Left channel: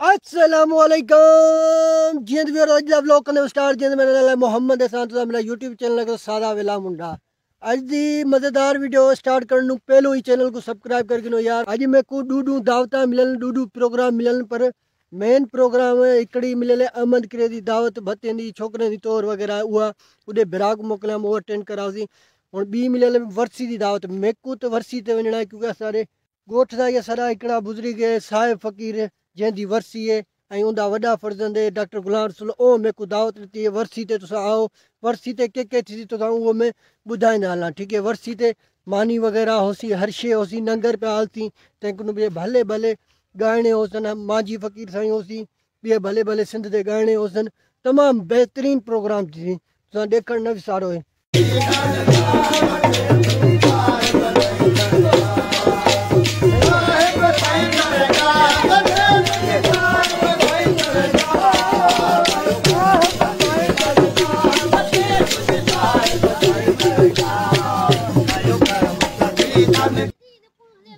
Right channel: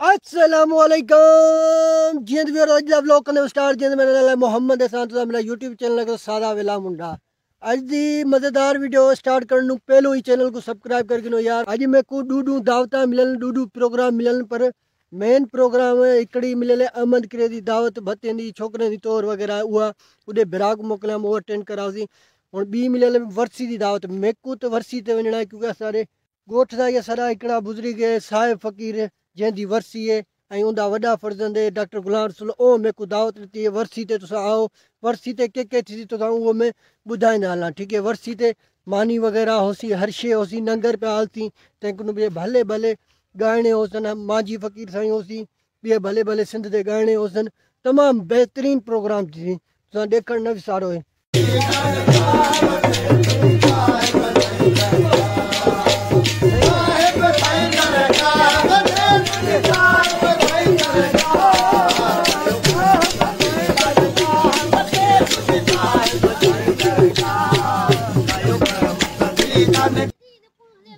अस्सलामुअलैकुम जिंद भी रोज व्लॉग करने स्टार्ट जिंद मेरे मोहम्मद हसन तो मेरा यूट्यूब चैनल का सादा वेला मुंडा अज दी मजेदार वीडियो स्टार्ट करने पहलो ही चैनल को सब्सक्राइब करके नो यार अज मैं को डूडू दावता मिलन डूडू प्रोग्राम मिलन पर मेन प्रोग्राम इकड़ी मिले अहमद किरे दी दावत भत्ते दी छोकरे दी तौर वगैरह हुआ उदे बिराक मोकलिया वो अटेंड करासी और बी मिले वर्सी दी दावत मेकू तो वर्सी ते वणना क्योंकि सारे गोठ दा या सारा इकड़ा गुजरी गए साहिब फकीर जैंदी वर्सी है ऐं उनका वड्डा फर्जंद है डॉक्टर गुलाम रसूल ओ मैं को दावत दी है वर्सी ते तुसा आओ वर्सी ते के थी तो वो मैं बुधाईंदा हलां ठीक है वर्सी ते मानी वगैरह होसी हर शे होसी नंगर पे हालती तंहिं बे भले भले गाने होसन माजी फकीर साईं होसी बे भले भले सिंध दे गाने होसन तमाम बेहतरीन प्रोग्राम थी तुसा देखण न विसारो है।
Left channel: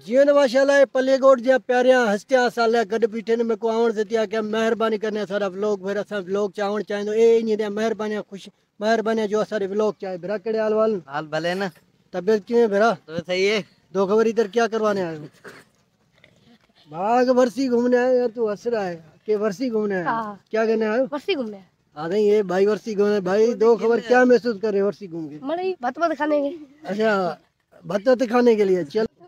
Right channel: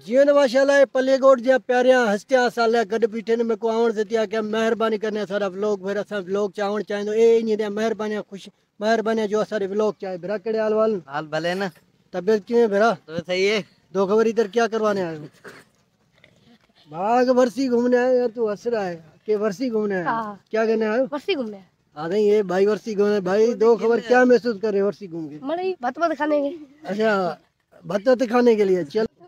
जीवन माशाल्लाह पले गोट जहाँ प्यारिया हस्तिया साल गड बीठे ने मेरे को आवण से क्या मेहरबानी करने सारा व्लॉग फिर असा व्लॉग चावण चाहेंदो ए इन मेहरबानी खुश मेहरबानी जो सारे व्लॉग चाहे भरा केड़े हाल भले ना तबियत किवें भरा तो सही है दो खबर इधर क्या करवाने आए बाग वर्सी घूमने आए यार तू हंस रहा है कि वर्सी घूमने आए क्या करने आए वर्सी घूमने आ नहीं ये भाई वर्सी घूमने भाई दो खबर क्या महसूस कर रहे वर्सी घूम के मड़ी भत खाने के अच्छा भत खाने के लिए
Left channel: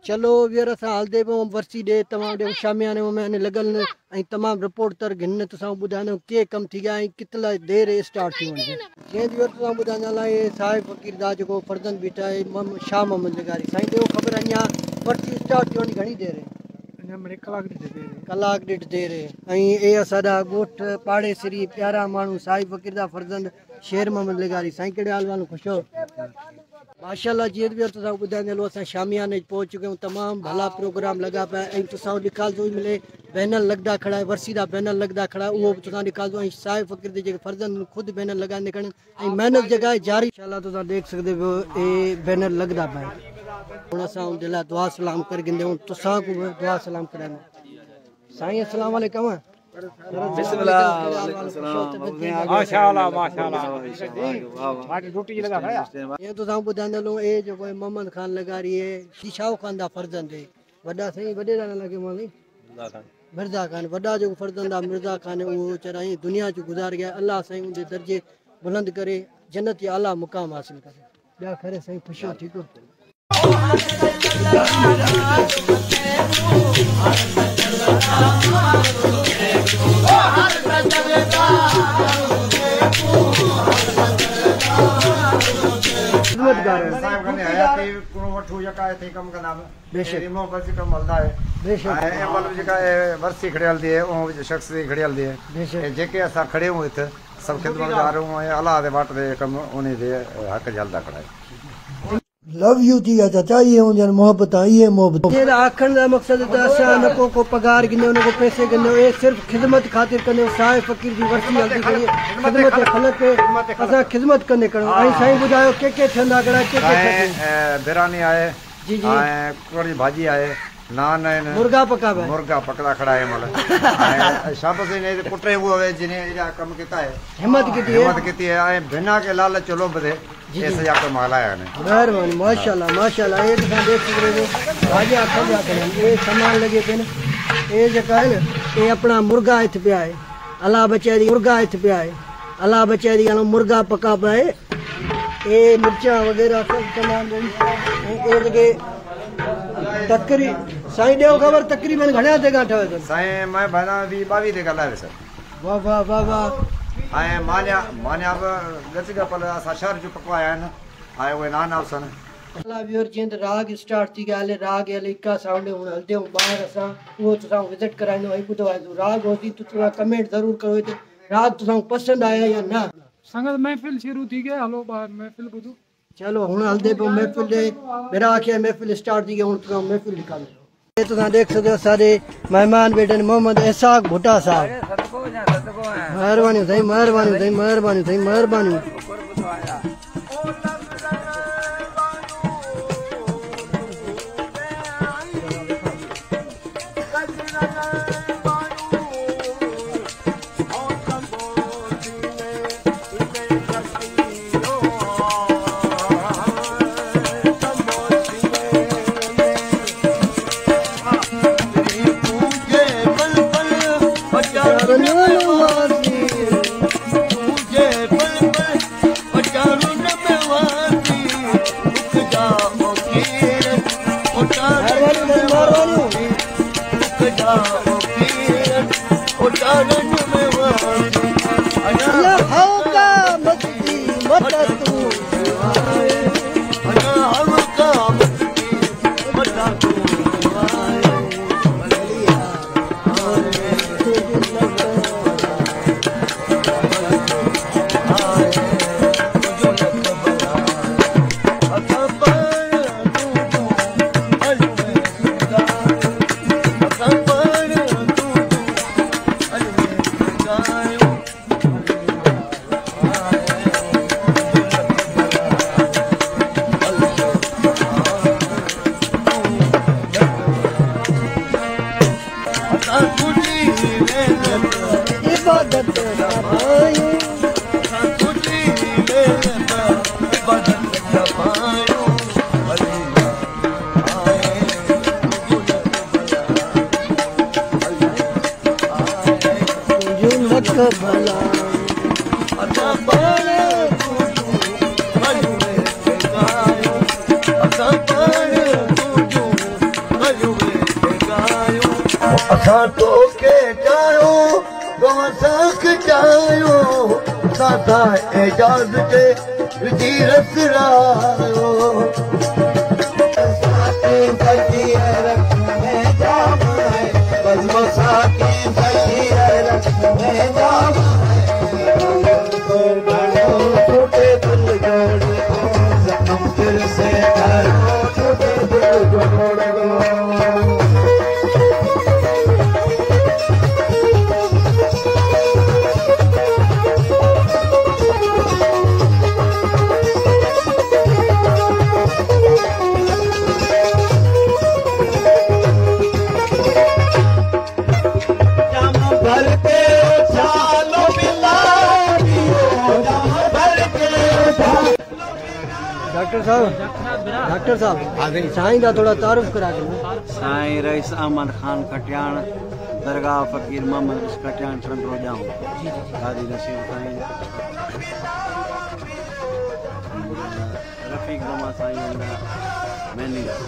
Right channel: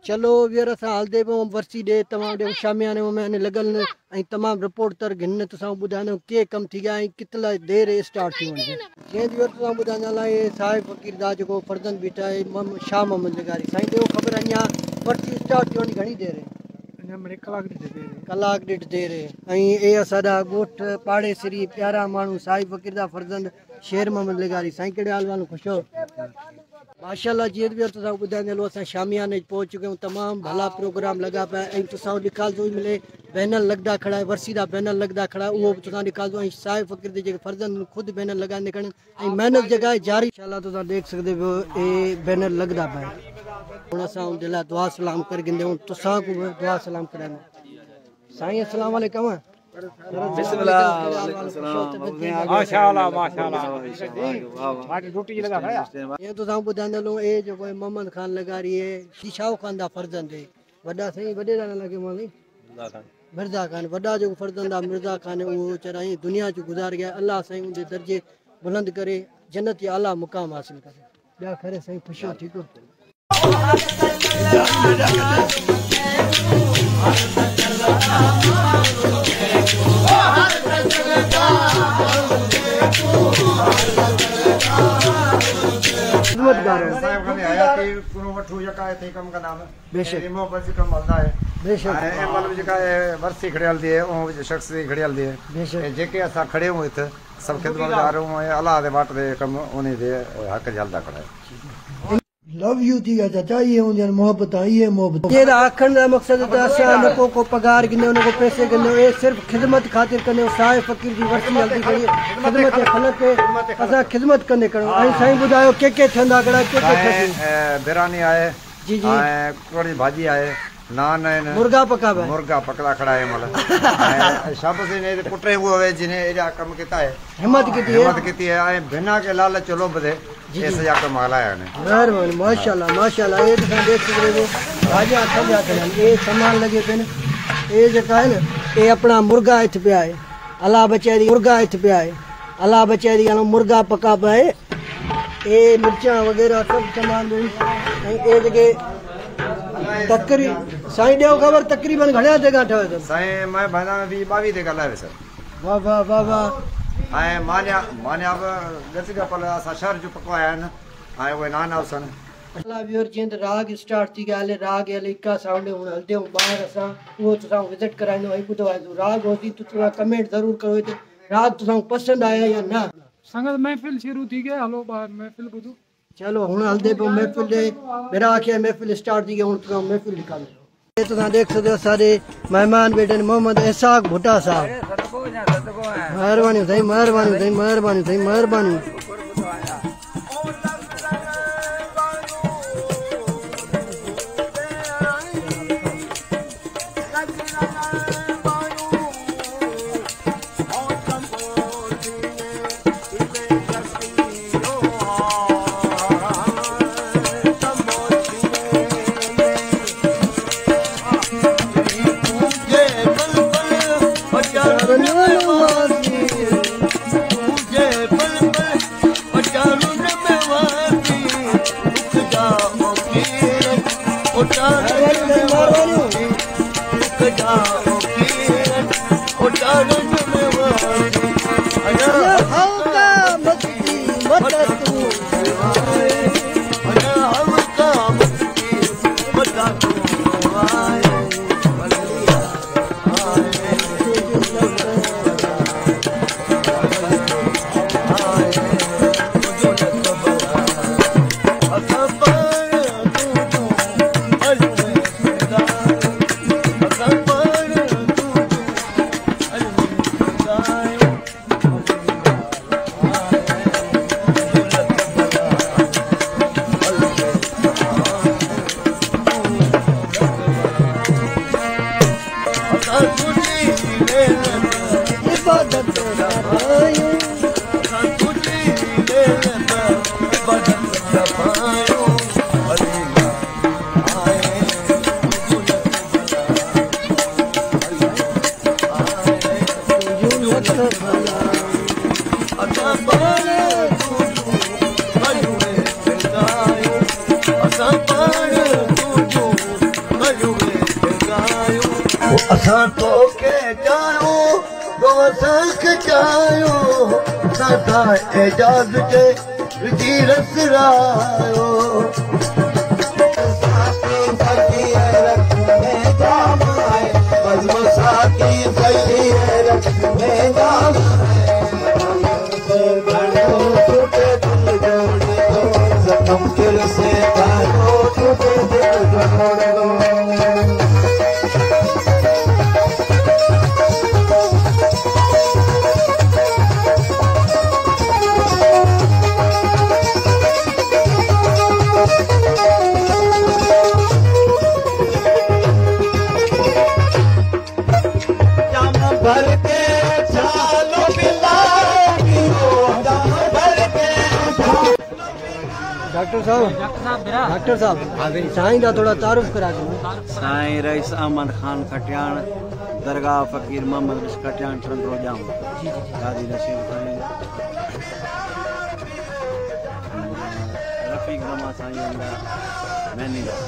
चलो वीर असां हलदे पियूं वर्सी ॾे तमामु ॾे शामियाने में लॻल ऐं तमामु रिपोर्ट तर गिन तुसां ॿुधाईंदो के कमु थी विया ऐं कितला देर स्टार्ट थी वञे जंहिं वीर तुसां ॿुधाईंदा लाइ साहिब फ़कीर दा जेको फर्ज़ंद बीठा आहे शाह मोहम्मद लिगारी साईं ॾियो ख़बर अञा वर्सी स्टार्ट थी वञी घणी देर आहे कलाक ॾेढ देर है ऐं असांजा ॻोठ पाड़े सिरी प्यारा माण्हू साहिब फ़कीर दा फर्ज़ंद शेर मोहम्मद लिगारी साईं कहिड़े हाल वालो ख़ुशि हो माशाल्लाह जीअं बि तुसां ॿुधाईंदा हलो असां शामियाने पहुच चुके आहियूं तमामु भला प्रोग्राम लॻा पिया ऐं तुसां ॾेखारिजो मिले बैनर लॻंदा खड़ा है वर्सी दा बैनर लॻंदा खड़ा उहो बि तुसां ॾेखारिजो ऐं साहिब फ़कीर दे जेके फर्ज़ंद ख़ुदि बैनर लॻाईंदे खड़नि ऐं महिनत जॻह जारी इंशाल्लाह तुसां देख सकदे हो ए बैनर लॻंदा पिया हुन असां उन दिला दुआ सलाम कर गिंदे हूं तुसां को दुआ सलाम करायूं साईं अस्सलाम वालेकुम बिस्मिल्लाह माशाल्लाह माशाल्लाह माटी रोटी लगा खाया ये तो सां ॿुधाईंदा हलो ए जो कोई मोहम्मद खान लगारी है शीशाओ खान दा फर्जंद है वड्डा सही वडे दा लगे मौली मिर्जा खान वड्डा जो फर्जंद आ मिर्जा खान वो चराई दुनिया जो गुजार गया अल्लाह सही उनके दर्जे बुलंद करे जन्नत या आला मुकाम हासिल करे या खरे सही खुश हो ठीक हो साहिब खाने आया थे वठू जका थे कम का नाम रिमो बस कम हलदा है ए मतलब जका वर्सी खड़ियल दी है ओ शख्स भी खड़ियल दी है जेके असा खड़े हूं इत सब खिदमतगार हूं अल्लाह दे वाट दे कम उन्हें दे हक जलदा खड़ा है लव यू थी जा चाचा ये उन मोहब्बत आई है मोहब्बत ये आखन का मकसद तो असा न को पगार गिने उनको पैसे गिने ये सिर्फ खिदमत खातिर कने साहिब फकीर दी वर्सी जल्दी करिए खिदमत खलक के असा खिदमत कने करो आई साईं बुधायो के थंदा कड़ा के बिरयानी आए जी जी कोड़ी भाजी आए नान है मुर्गा पकड़ा खड़ा है मतलब शाबाश ने पुटरे वो जिने एरा कम किता है हिम्मत की है बिना के लालच चलो बदे ये सजा के मालाया ने मेहरबानी माशाल्लाह ये तो देख सकते हो भाजी हाथ जा कर ये सामान लगे पे न ये जका है न ये अपना मुर्गा इत पे है अल्लाह बचारी मुर्गा इत पे है अल्लाह बचारी मुर्गा पका पे ये मिर्चा वगैरह सब सामान और के तकरी साईं ॾियो ख़बर तकरीबन घणा जगह ठहे अथनि साईं मैं भाई 22 ते ॻाल्हायो सर वाह वाह वाह वाह ऐं मान्या बि गच पल असां शहर जो पकवाया आहिनि ऐं उहे नान अवसन अल्लाह व्यूअर जिंद राग स्टार्ट थी गया हले राग हले इक्का साउंड हुन हलदे हूं बाहर असा वो तुसा विजिट कराइनो है बुधो है राग होती तो तुसा कमेंट जरूर करो ते राग तुसा पसंद आया या ना संगत महफिल शुरू थी गया हलो बाहर महफिल बुधो चलो हुन हलदे पे महफिल दे मेरा आखे महफिल स्टार्ट थी गया हुन तुसा महफिल निकालो ये तुसा देख सकते हो सारे मेहमान बैठे मोहम्मद इसाक भुट्टा साहब मेहरबानी सही मेहरबानी सही मेहरबानी सही मेहरबानी डॉक्टर साहब साईं का थोड़ा तारुफ करा दो। साईं रईस अहमद खान खटियाण दरगाह फकीर मोहम्मद खटियाण टंडरो जाऊं गादी नसीब साईं रफीक जमा साईं अंदा मैनेजर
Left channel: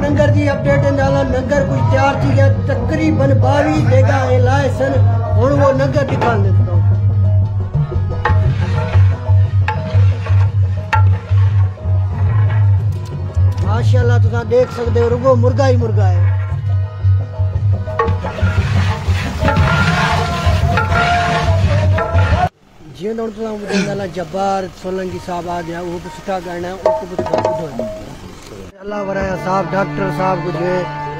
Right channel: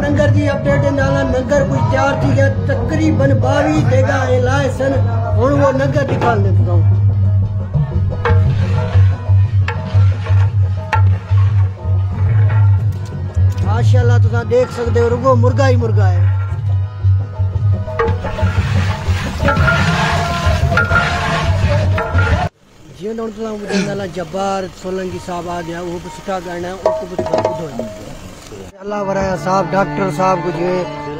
नंगर की अपडेट नंगर कोई तैयार थी गया तकरीबन 22 जगह लाए सन हुण वो नंगर दिखाने माशाल्लाह तुसा देख सकते हो रुगो मुर्गा ही मुर्गा है। जी तुसा जब्बार सोलंकी साहब आ गया वो भी सुठा गाना है उसको भी अल्लाह वराया साहब डॉक्टर साहब कुछ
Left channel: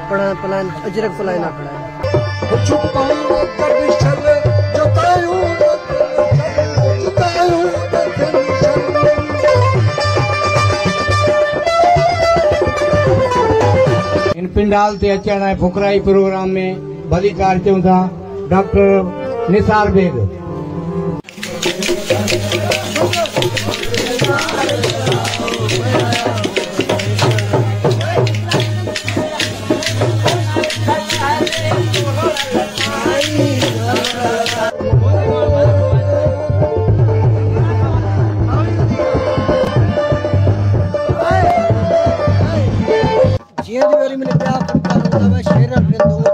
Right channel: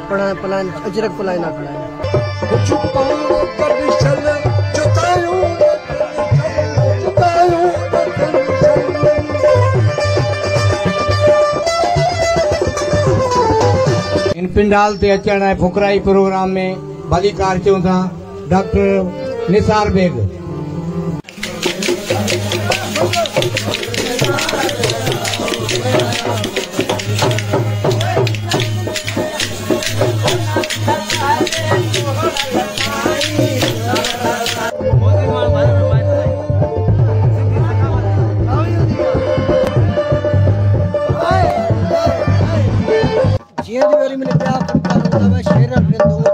पढ़ा पलान अजरक पलायना खड़ा है। पिंडाल ते अचण ऐं फुकराई प्रोग्राम में भागीकार थियूं था डॉक्टर निसार बेग।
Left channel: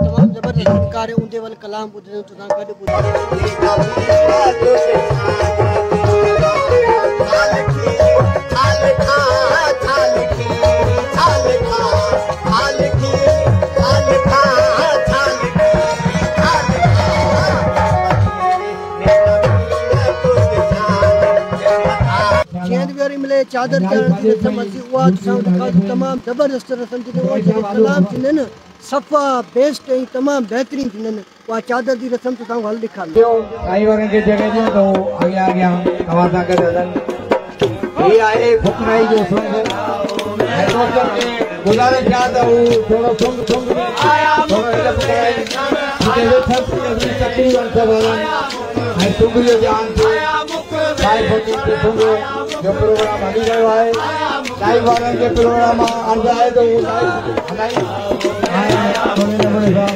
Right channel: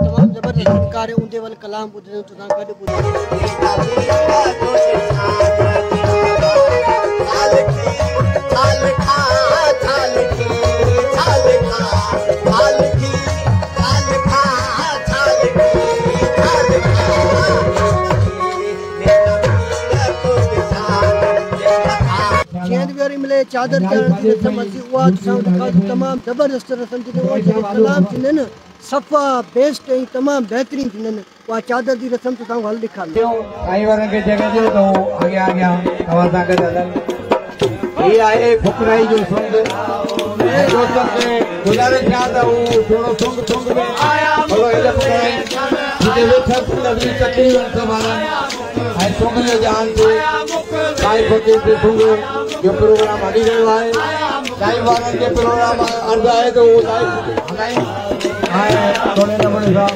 तमाम जबरदस्त फनकार है उनके वाले कलाम बुझे तो ना गड मिले चादर तमाम जबरदस्त रस्म कलाम थींदा आहिनि सफ़ा बेस्ट ऐं तमामु बहितरीन थींदा आहिनि। उहा चादर जी रस्म तव्हां हल ॾेखार साईं वारनि खे जॻह ॾियो त अॻियां अॻियां तव्हां सां गॾु हलनि। हीअ आहे फुकराई जो सुंग ऐं दोस्तनि खे गुज़ारिश कयां त हू थोरो सुंग सुंग में थोरो हिलत करे तकलीफ़ संभालनि ऐं सुंग जो ध्यानु साईं फकीर ते सुंग जो प्रोग्राम हली रहियो आहे। साईं वारनि खे प्रोग्राम ईंदो आहे त उहो थोरे नमूने सां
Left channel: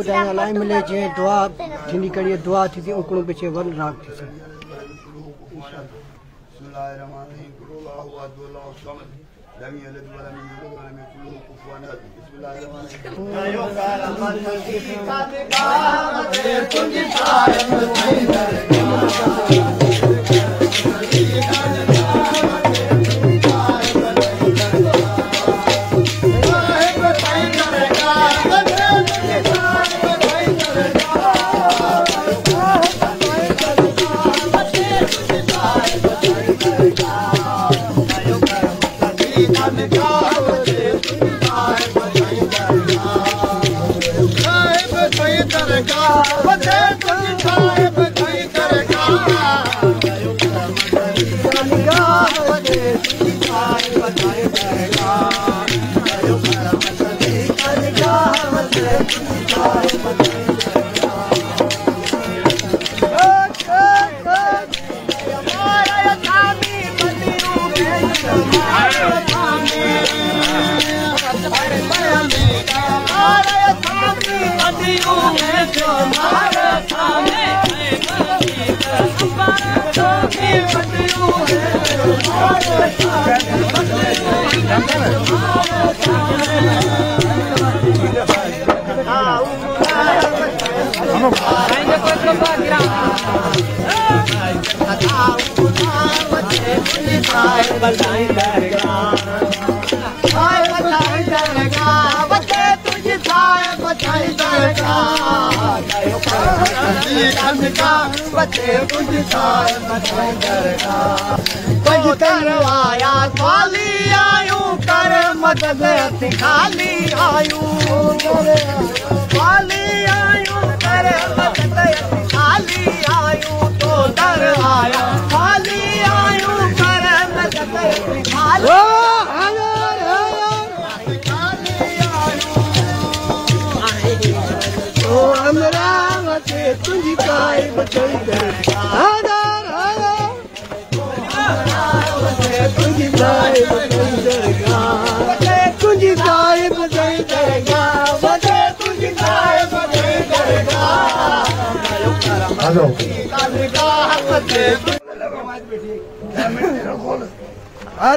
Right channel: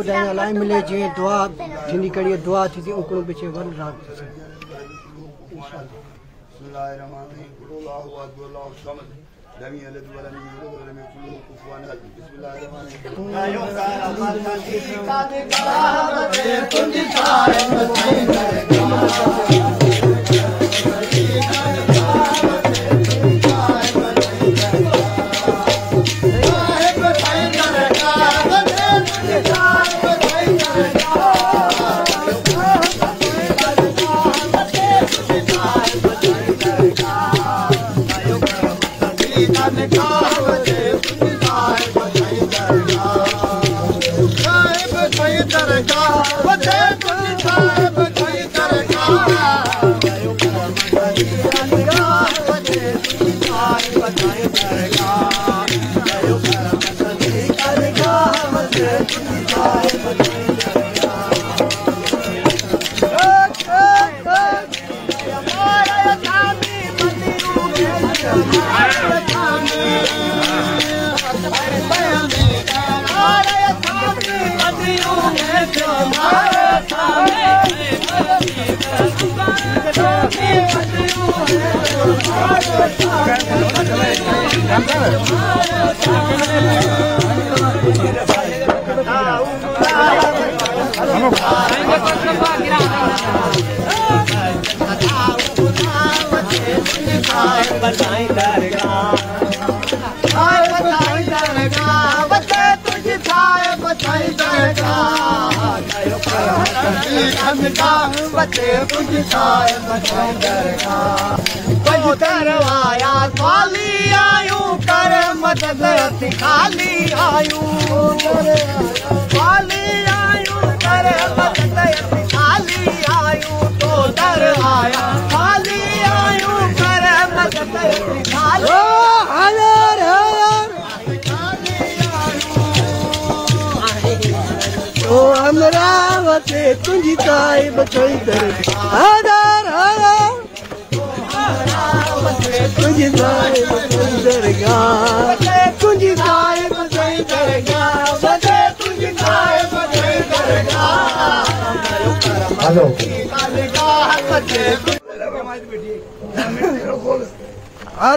ॿुधाईंदा लाइ मिले जीअं दुआ थींदी कड़ी दुआ थी थी उकड़ो पिछे वरी राग थी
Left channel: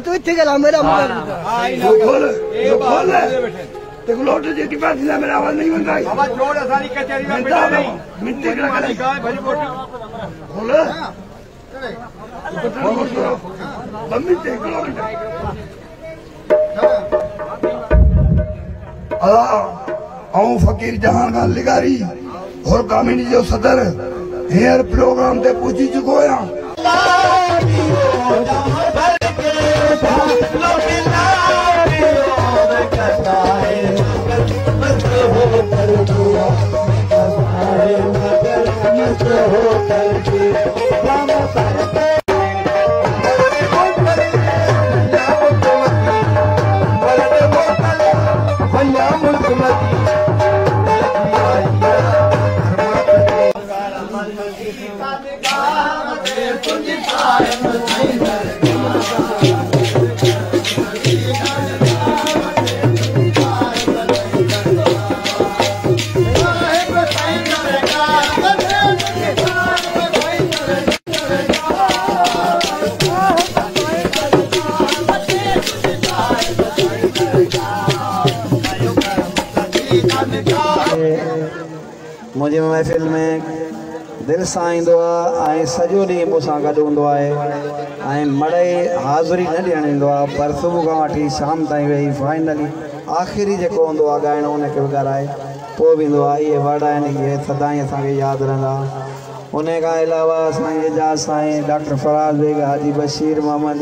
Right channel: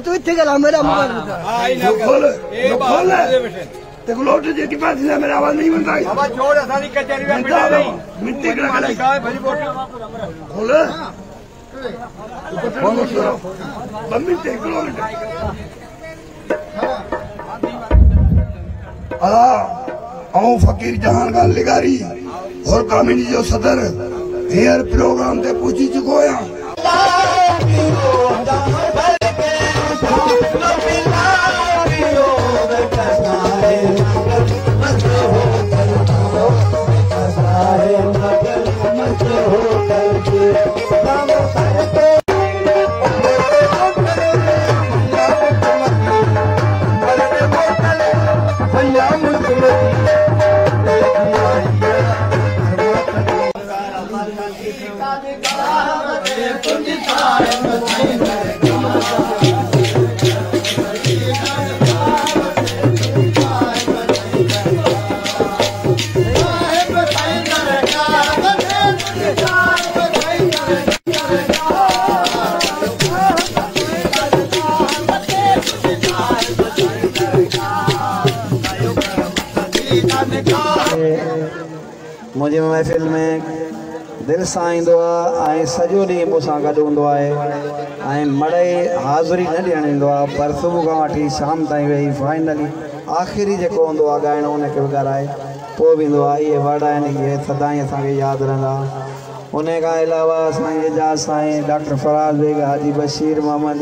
तू इतने गला मेरा मगर ते लोट जेटी पास ना मेरा आवाज नहीं बनता है छोड़ आसानी कचहरी में मिट्टी कड़ा कड़ा खोल बम्मी ते किलोमीटर आऊं फकीर जहां लिगारी और कामिनी जो सदर हेयर प्रोग्राम ते पूछी चुको या मुझे महफ़िल में दिल सां ईंदो आहे सॼो ॾींहुं मूंसां गॾु हूंदो आहे मड़ई हाज़ुरी न ॾियणु ईंदो आहे पर सुबुह खां वठी शाम ताईं वेही फाइनली आख़िरी जेको हूंदो आहे ॻाइणो उनखे बि ॻाल्हाए पोइ बि ईंदो आहे। इहे वर्ड आहिनि इहे सदाईं असांखे यादि रहंदा। उन खां अलावा असांजे एजाज़ साईं डॉक्टर फराज़ बेग हाजी बशीर मोहम्मद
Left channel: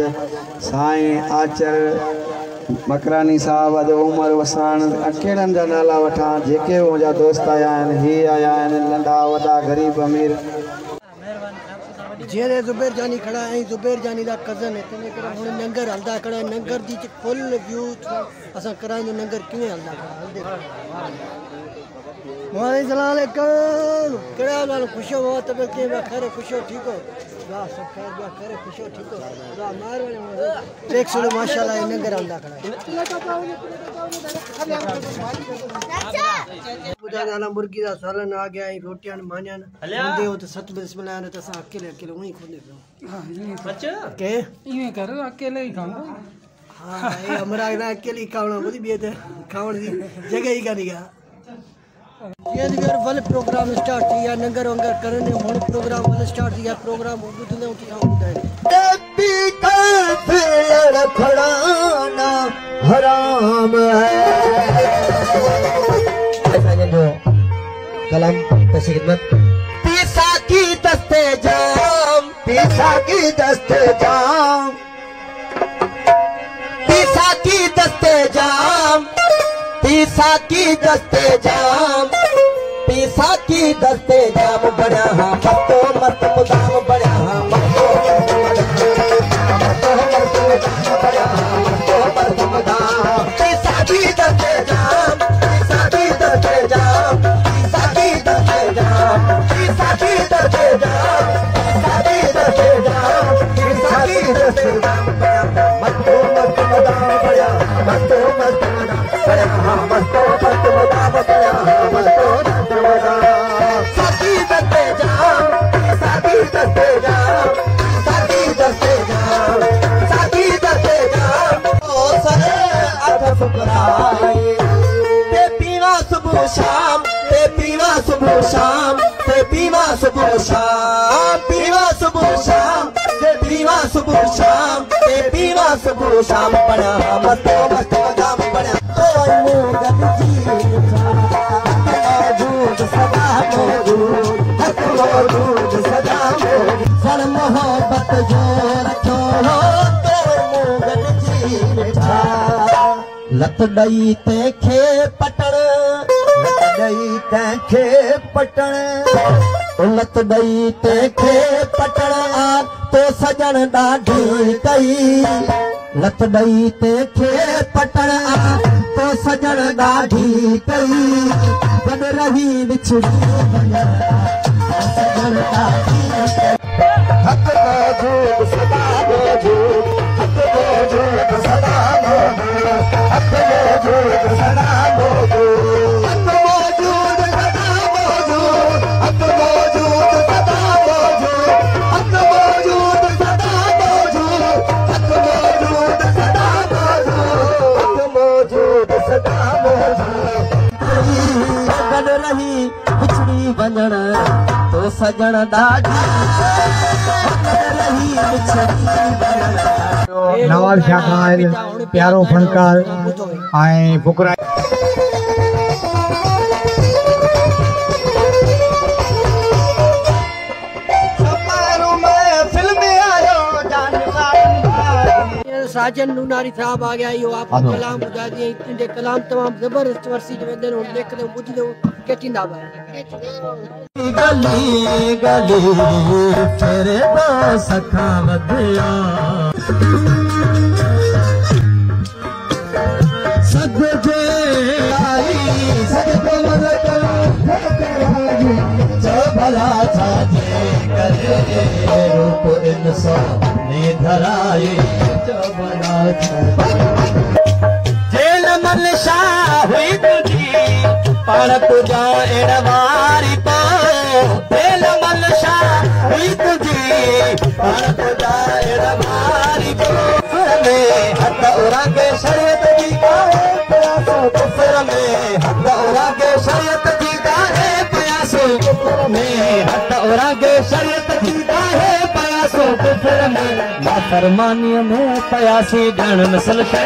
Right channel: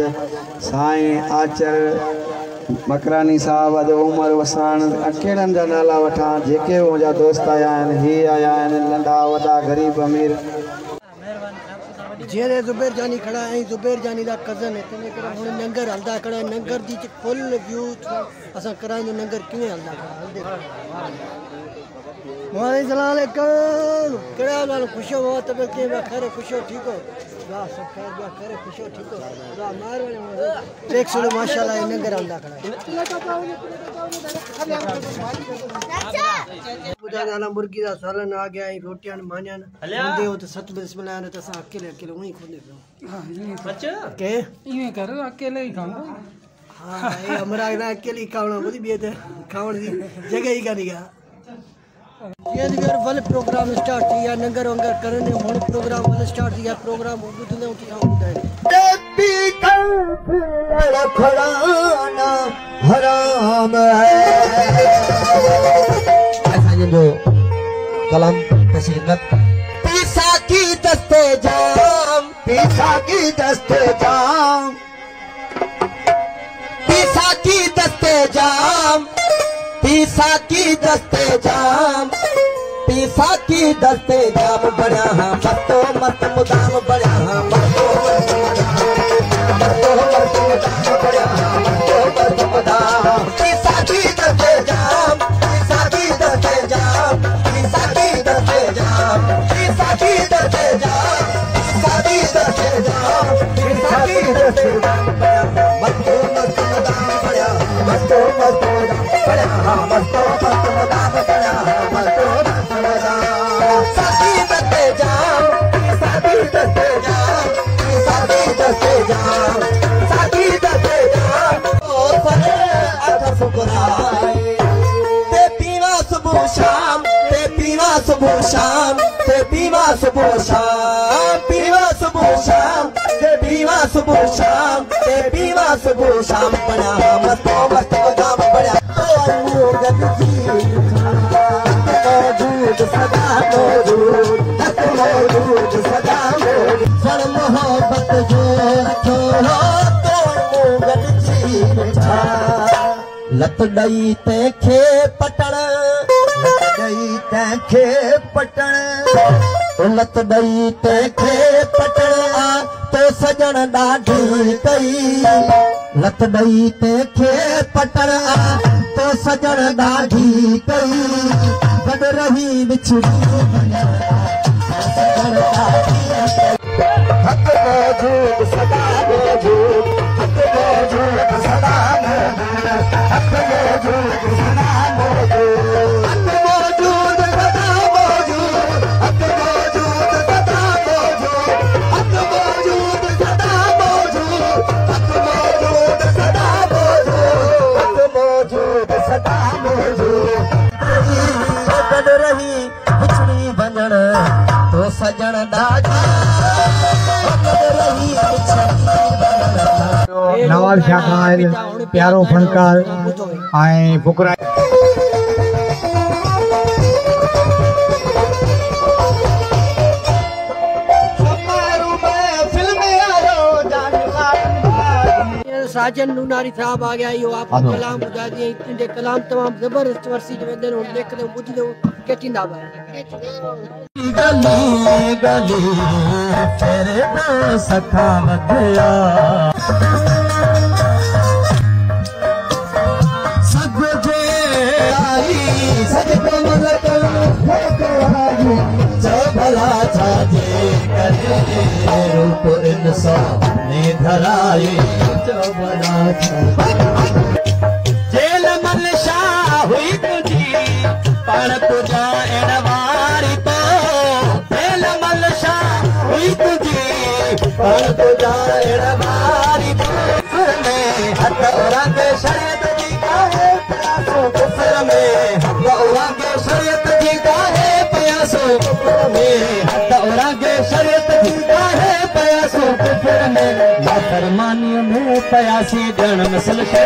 साईं आचर मकरानी साहब अॼु उमर वसाण कहिड़नि जा नाला वठां जेके मुंहिंजा दोस्त आया आहिनि हीअ आया आहिनि नंढा वॾा ग़रीब अमीर जेरे ज़ुबैर जानी खड़ा है ज़ुबैर जानी दा कज़न है तने करे हुन नंगर हलदा खड़ा है नंगर दी फुल व्यू असा कराई नंगर किवें हलदा खड़ा वालेकुम केड़ा हाल खुश हो तबीयत के खैर खुश हो ठीक हो वाह सब खैर बा खैर खुश हो ठीक हो वाह मार वाले देख सुनो माशाल्लाह इन नगर आंदा खड़ा बुदा गाना मुर्गी दा सालन आ गया रोटियां मानियां दे हो तो सत बिस्मिल्लाह ने तसा अकेले अकेले वही खोले पे हां अच्छा के ये कर अकेले ही खाऊंगा हां ये हमरा अकेले खावना बुदी बेत खावण दी जगह ही करीगा ये दिगर वाल प्रोग्राम स्टार्ट किया नंगर वंगर करने हुन प्रोग्राम वाल स्टार्ट किया प्रोग्राम बुधने उठी बुधाए देवी कल खड़ाना हराम है कलम पेशी खिदमत पीसा की दस्ते जाम पीसा की दस्ते जाम पीसा की दस्ते जाम पीसा की दस्ते जाम पीसा की दस्ते जाम बना मस्तो मस्त मुदाम बना मस्तो पीसा की दस्ते जाम पीसा की दस्ते जाम पीसा की दस्ते जाम पीसा की दस्ते जाम पीसा की दस्ते जाम पीसा की दस्ते जाम मस्तो मस्त मुदाम बना मस्तो मस्त मस्तो मस्त मुदाम बना मस्तो मस्त मुदाम साकी दस्ते जाम साकी दस्ते जाम साकी दस्ते जाम साकी दस्ते जाम ओ सरे अध फुकराए ते पीवा सुबह शाम ते पीवा सुबह शाम ते पीवा सुबह शाम पीवा सुबह शाम ते पीवा सुबह शाम ते पीवा सुबह शाम बना मस्तो मस्त मुदाम बना लत डई तंहिंखे पटण लत डई तंहिंखे पटण लत डई तंहिंखे पटण तो सजण ॾाढी कई लत डई तंहिंखे पटण तो सजण ॾाढी कई गॾु रही विछड़ी हक मौजूद सदा मौजूद हक मौजूद सदा मौजूद हक मौजूद सदा मौजूद हक मौजूद सदा मौजूद हक मौजूद सदा मौजूद हक मौजूद सदा मौजूद हक मौजूद सदा मौजूद हक मौजूद सदा मौजूद गॾु रही बिछड़ी वञण तो सजण ॾाढी नवाब शाह खान प्यारो फनकार ऐं फुकरा साजन नूनारी साहब आ गया यो आपको कलाम बुझा दिए इनके कलाम तमाम जबरदस्त वर्सी जो वेंदे हो देखदे बुझदे केटिंदा बा गली गली तेरे सखा वधिया सब जे आई सजदे जो भला छाजे करे रूप इंसान ने धराए जो भला जेल मन शाह हुई तुझी पाण तुझा इन वारी पा जेल मन शाह हुई तुझी पाण तुझा इन वारी पा में हथ रंग शरीयत की काहे प्यासो कुफर में हथ रंग शरीयत की काहे प्यासो कुफर में हथ रंग शरीयत की काहे प्यासो कुफर में फरमानी में प्यासी जन नस्ल से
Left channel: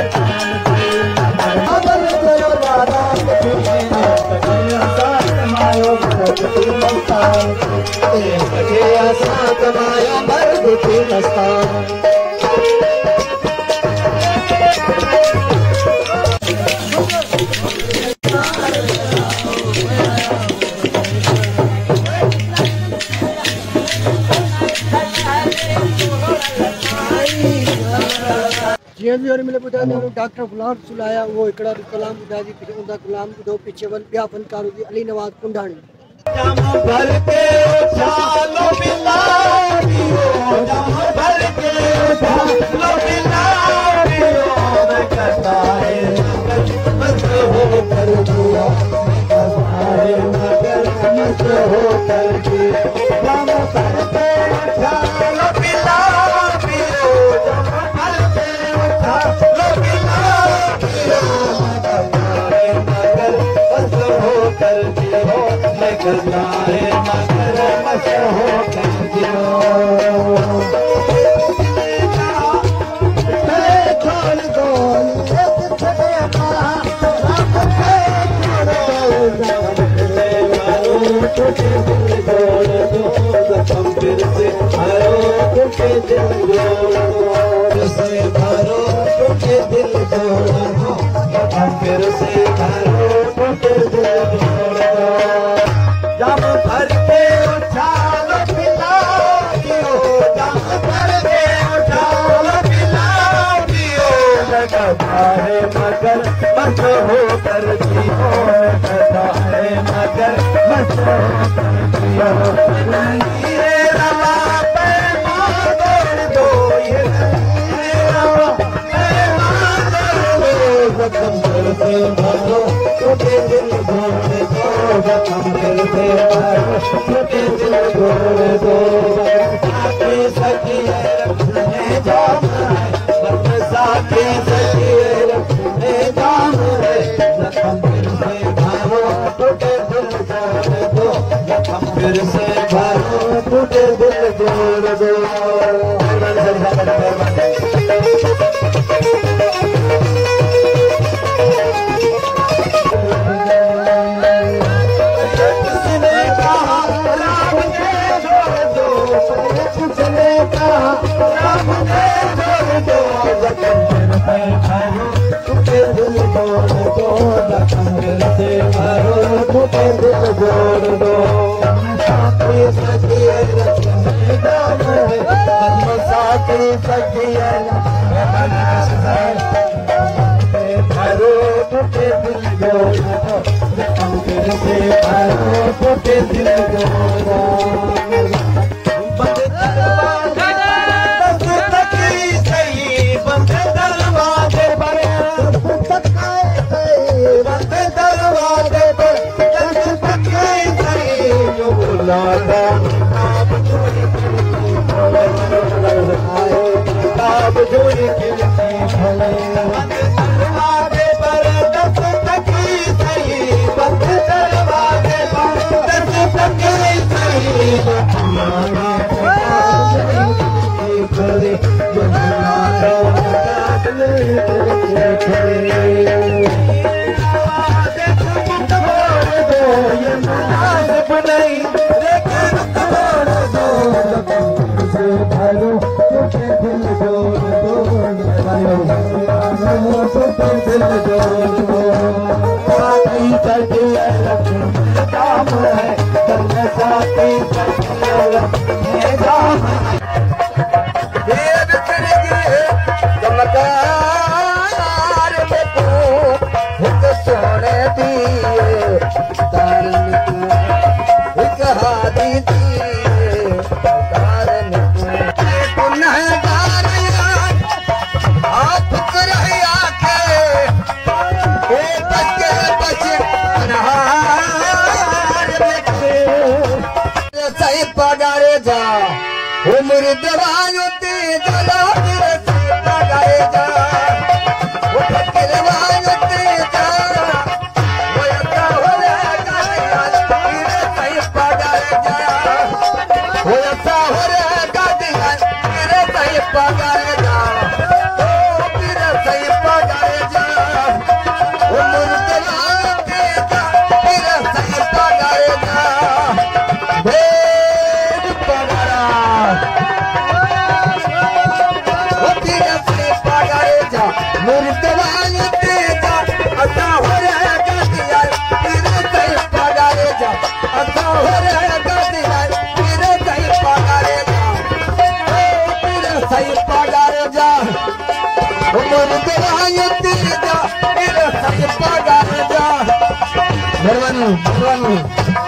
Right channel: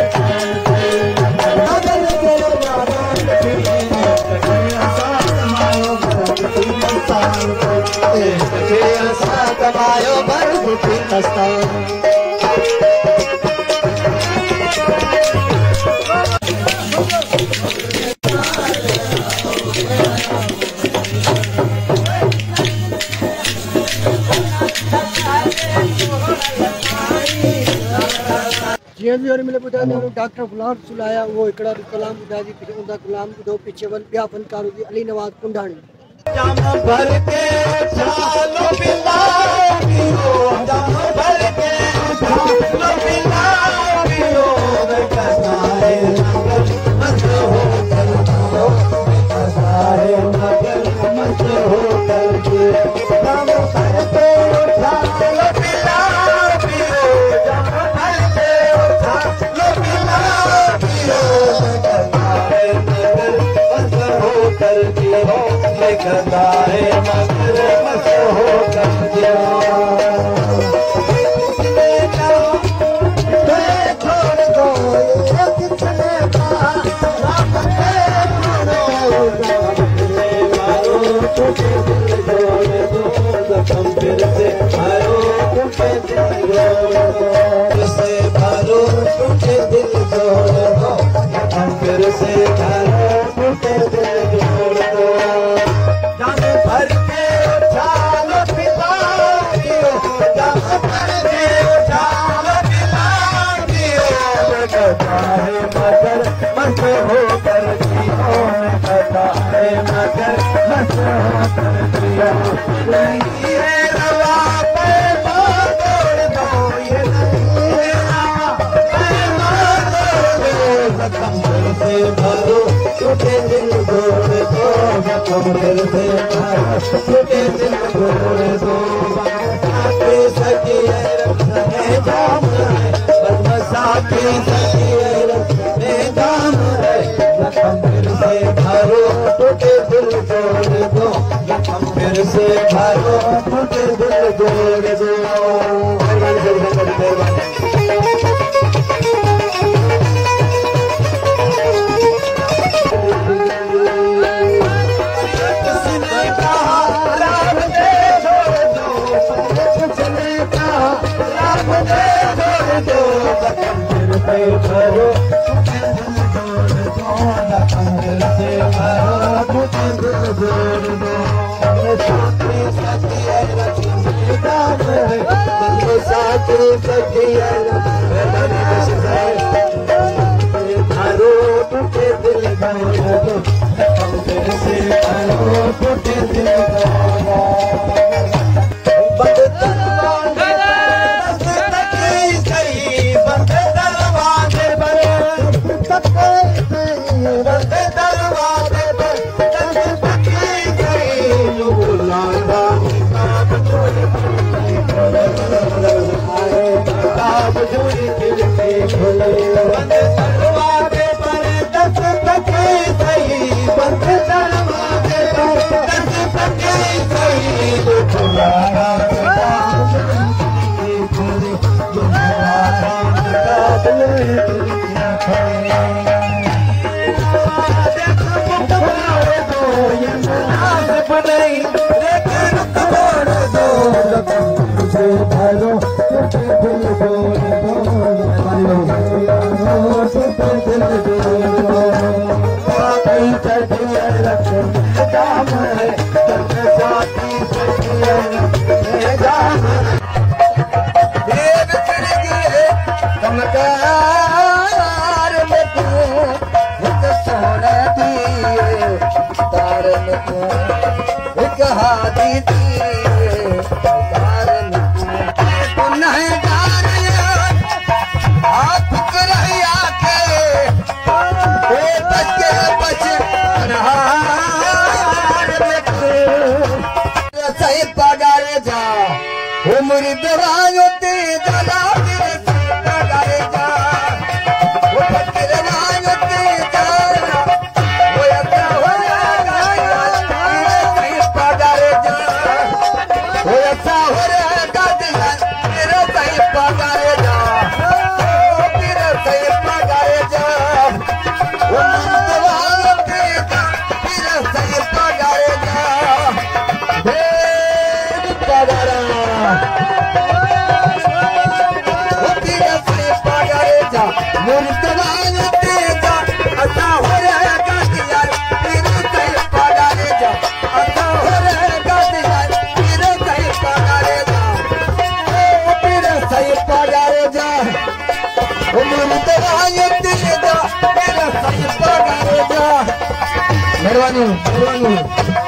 जीअं बि वरी मिले ॿुधाए थो डॉक्टर गुलाम रसूल आया वो हिकिड़ा कलाम ॿुधाए थी उनका गुलाम ॿुधो पीछे वरी ॿिया फनकार हुई अली नवाज़ कुंडाणी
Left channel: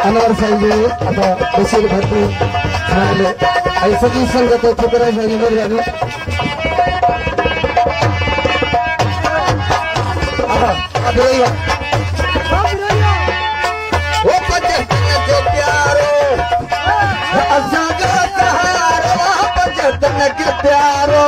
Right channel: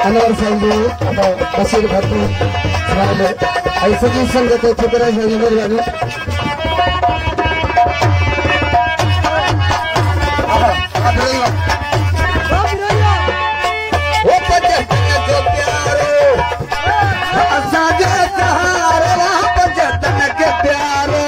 अनवर साहिब अथवा बशीर भट्टी आई सभी संगत छुकरा मेहरबानी प्यारो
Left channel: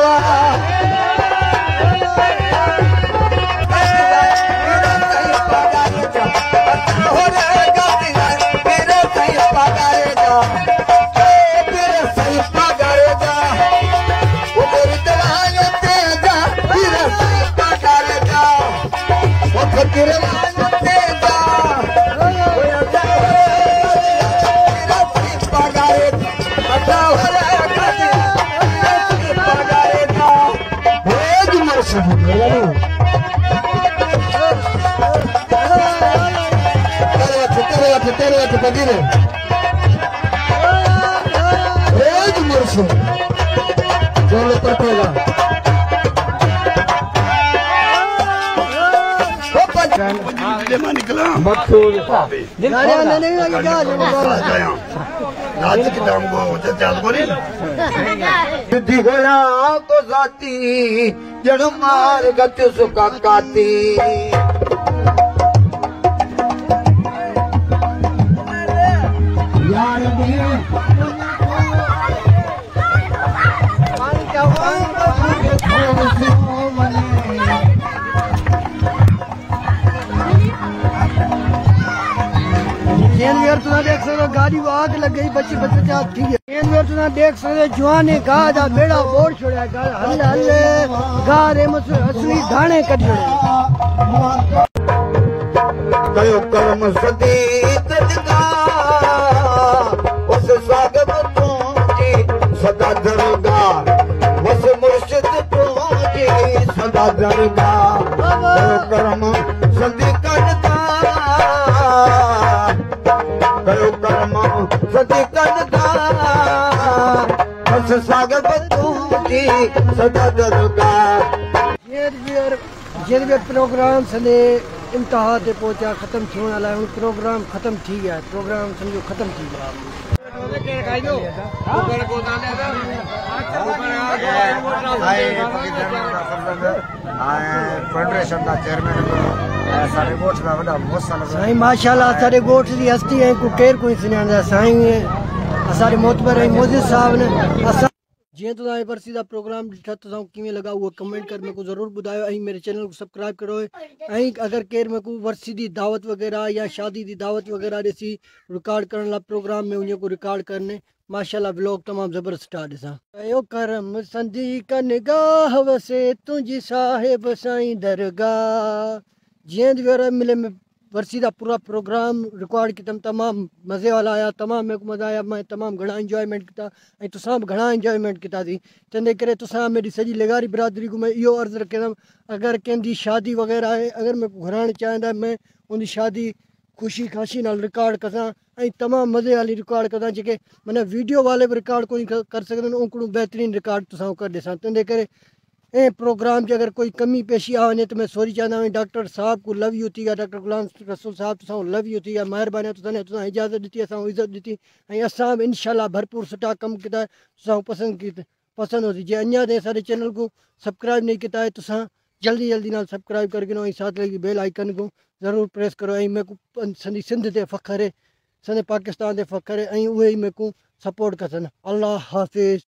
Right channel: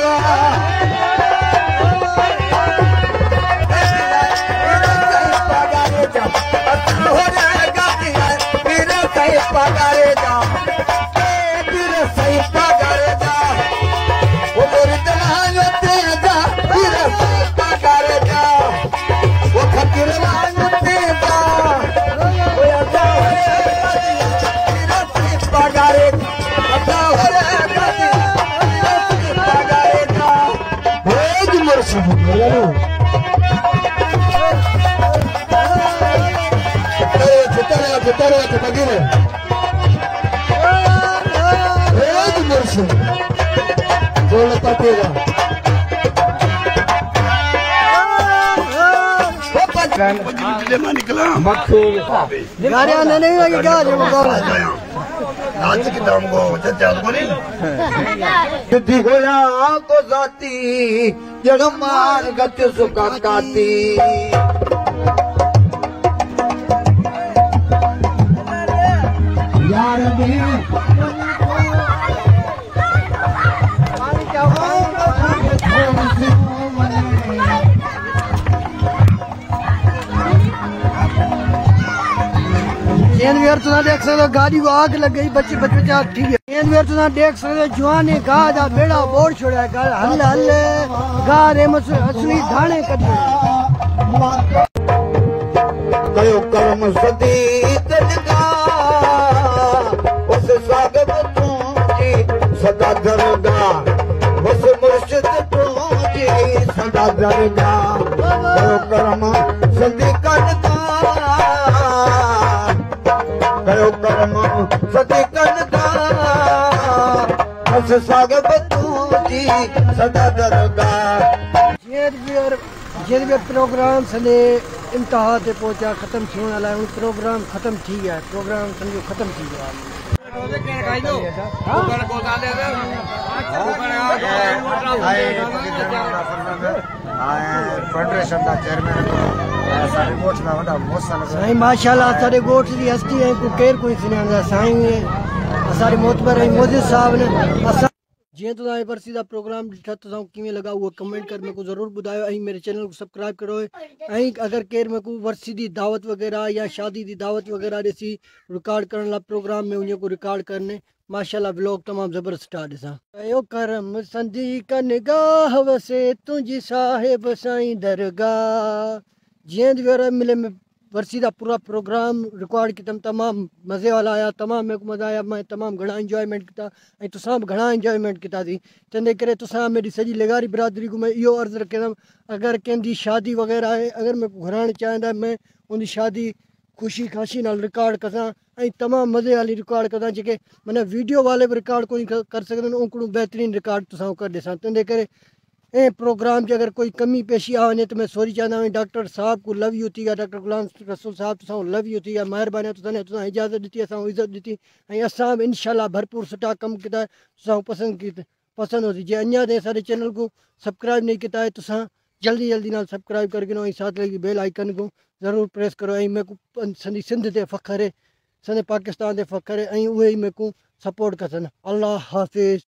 निकला को जाती जड़ मार गत सुखा काती यार तुम देख सकते गाड़ी को आग लग गई बच्चे बच्चे ठीक है तुम देख सकते जवान गा जा बेड़ा बोर छोड़ा हल हल गा रे असली धाने कट कयो कर्म सदी उस स्वागत तुझी सदा दरगा उस मुर्शिद तुझी सदा दरगा कयो कर्म सदी करता कयो कर्म सदी करता उस स्वागत तुझी सदा दरगा जे प्रोग्राम सने इंतहा ते पहुंचा खत्म थियण वाला है प्रोग्राम खत्म थी गया प्रोग्राम समझो खत्म थी गया माशाल्लाह सारे गोठ की हस्ती है को केर कोई सुना साईं सारे मोतबर मोदी साहब ने जे तो वर्सी का प्रोग्राम दिखा तो किमें लगा वो कमेंट कर मेरे को जरूर बुधायो मेरे चैनल को सब्सक्राइब करो अगर केर मेरे को वर्सी की दावत वगैरह या शादी की दावत वगैरह ॾिसी रिकॉर्ड करने ला प्रोग्राम में उन को रिकॉर्ड करने माशाल्लाह ब्लॉग तमाम जबरदस्त ॾिसां कयो करम संदी का निगाह वसे तुझी साहिब साईं दरगाह जीअं मिले में वर्सी का पूरा प्रोग्राम रिकॉर्ड किया तमाम मज़े वाला आया तमाम मेरे को मज़ा आया मैं तमाम घना इंजॉयमेंट किया तुसा भी घना इंजॉयमेंट किया थी तंहिंजे करे तुसा मेरी सजी लगारी बिरादरी को मैं यो अर्ज़ रखंदुमि अगर कंहिंजी शादी वग़ैरह है अगर मेरे को घुराइण चाहींदा मैं उनकी शादी खुशी खाशी नाल रिकॉर्ड कसां तमाम मज़े वाली रिकॉर्ड कसां जेके माना वीडियो वाले भी रिकॉर्ड कोई कर सकते ओकड़ो बेहतरीन रिकॉर्ड तुसा कर ॾिसां तंहिंजे करे प्रोग्राम की अगर कोई कमी पेशी आ वने तो मैं सॉरी चाहता हूँ डॉक्टर साहब को लव यू थी डॉक्टर गुलाम रसूल साहब तुसा लव यू थी मेहरबानी तुसा इजाज़त दी असां इज़्ज़त दी असां इंशाल्लाह भरपूर सुठा कम किया तुसा पसंद होती जे अञा ते सारे चैनल को सब्सक्राइब नहीं किया है तुसा जल्दी जल्दी नाल सब्सक्राइब करके साथ लगी बेल आइकन को ज़रूर प्रेस करो मेरे को संदी सिंध ते फ़ख्र है संदे पाकिस्तान ते फ़ख्र है उहे मेरे को सपोर्ट कसन अल्लाह हाफिज़।